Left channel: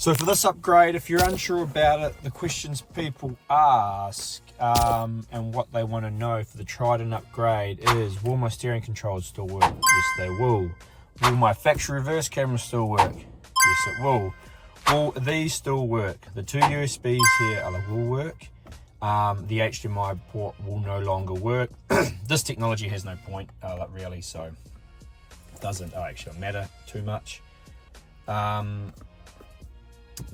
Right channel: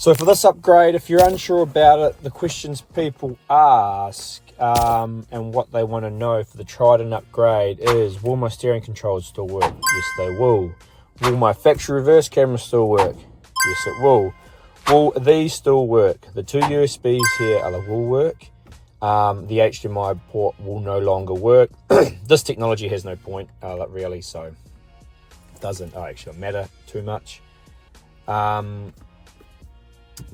So for this upgrade, if you're unsure about it, the questions people ask and what they want to know for the Triton upgrade is, will my steering controls still work? Yes, they will. Will my factory reverse camera still work? Yes, it will. Will these still work? The two USBs here will work. The HDMI port will no longer work. This technology has no point, really, so it doesn't actually matter too much.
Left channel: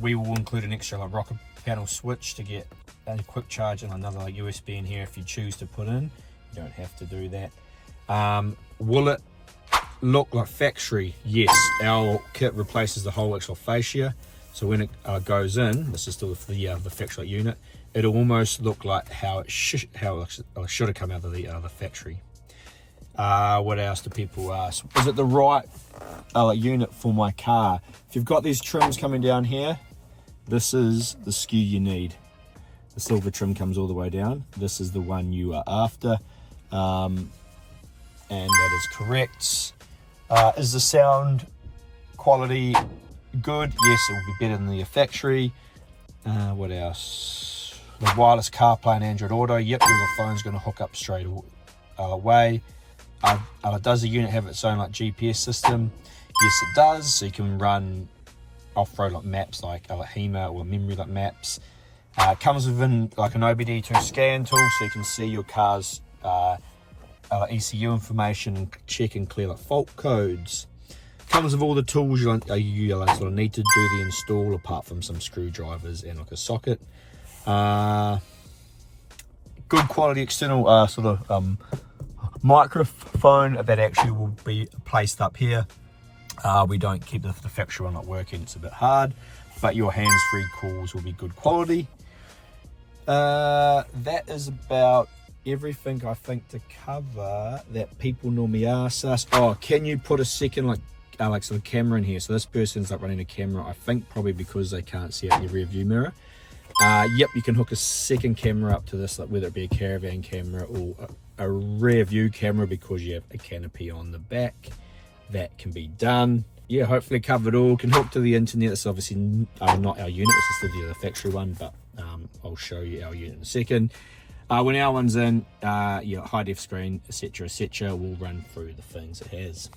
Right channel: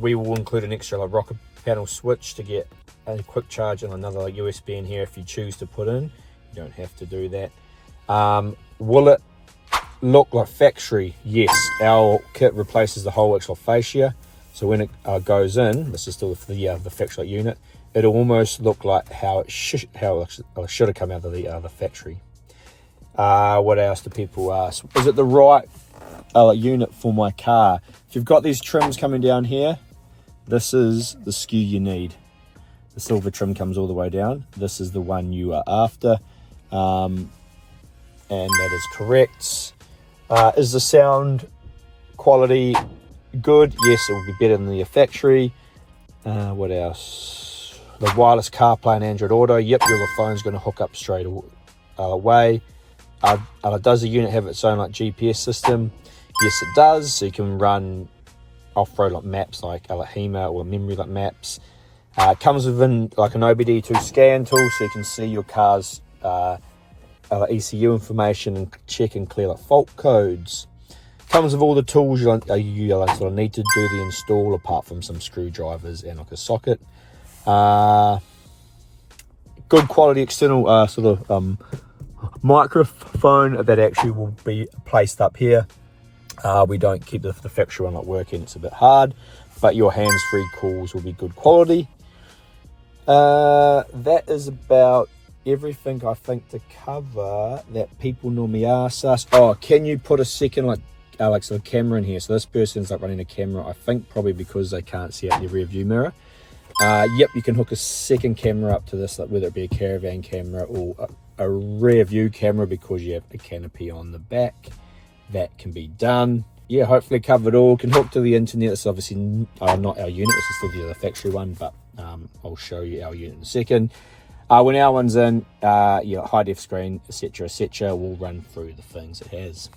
We will include an extra rocker panel switch to get a quick charge and another USB in here if you choose to put in. You don't have to do that. Will it look like factory? Yes, our kit replaces the whole actual fascia, so when it goes in, this is still the factory unit, it'll almost look like how it should have come out of the factory. What else do people ask? Is it the right unit for my car? If you've got these trims coming down here, this is the SKU you need. The silver trim comes all the way down. This is the one you are after, and that is correct. Is the sound quality good? Yes, it will be better than the factory. What else? The wireless CarPlay and Android Auto. Yep, your phone's going to hook up straight away. Does the unit have its own GPS system? Yes, it does. So you can run off-road maps like HEMA or memory maps. Comes within an OBD2 scan tool, so you can see your car's ECU information and check and clear fault codes. Comes with all the tools you sort of need to do the install, apart from some screwdrivers and a socket. Good quality external microphone that actually will be placed up here. We don't keep the factory one working, it's a bit hard, but your hands-free calls will be good quality. That is about everything I think to cover that people normally ask us. Oh, can you put a second camera in here? So this person's running a camera, I think probably because they can't see out your rear view mirror. Yep, you can hook a second camera up to this, whether it be a caravan camera or a rear view camera, because you have a canopy on the back. That can be done. Yeah, hopefully covered all. Can hook to the internet. It's obviously not our unit, this is still the factory one, but I'll show you our unit in a second. When our one's in, high def screen, etc, we'll run through the things it has.